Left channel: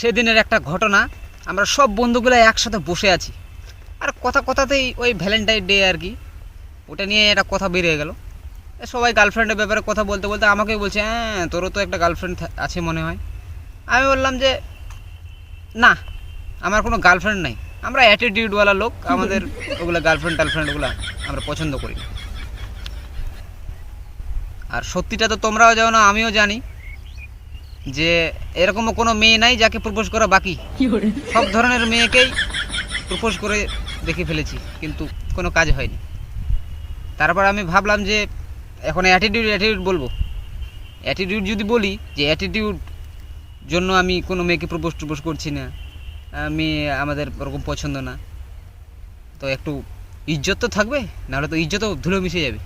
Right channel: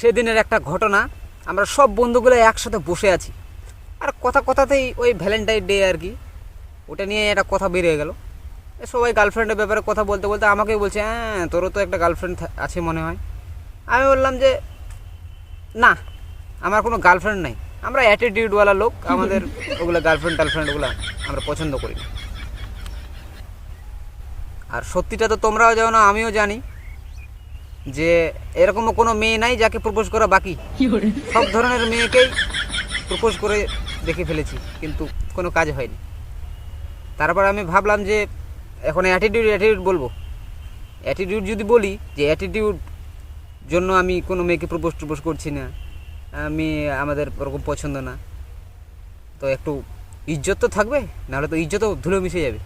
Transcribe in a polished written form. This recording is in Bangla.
সেদিনের একটা ঘটনা, আমরা সব বন্ধুগুলো একসাথে বসে আছি, আর কথাতেই ওই ভ্যালেন্টাইন ডে আর কি, ওটা নিয়ে একটা কথা বেরিয়ে গেল। সবাই গার্লফ্রেন্ডের ব্যাপারে কথা বলতে বলতে আমাকেই বলছে, হ্যাঁ তোরও তো একটা গার্লফ্রেন্ড আছে মনে হয়। আমি বললাম যে না, আমার কোনো গার্লফ্রেন্ড নাই, আমরা অ্যাটিটিউডওয়ালা লোক, আমাদের ওগুলো গার্লফ্রেন্ড ওগুলো আমরা পছন্দ করি না। আর সত্যিটা তো তোমরাও জানো না, আমিও জানি যে এরকমও কোনো মেয়ে নাই যাকে প্রপোজ করা বাকি। সব ধরনের মেয়েকেই প্রপোজ করে দেখে ফেলেছি, কিন্তু কোনো কাজ হয়নি। তারপর আমি ভাবলাম যে এখন অ্যাটিটিউড বলবো। অ্যাটিটিউড যদি বলি যে অ্যাটিটিউড জন্য আমি কোনো মেয়েকে প্রপোজ করছি না, আমি আমাদের ওরকম পছন্দ না, তো একটু ইজ্জত তো থাকবে, নাহলে তো ইজ্জতও ধুলো মিশে যাবে।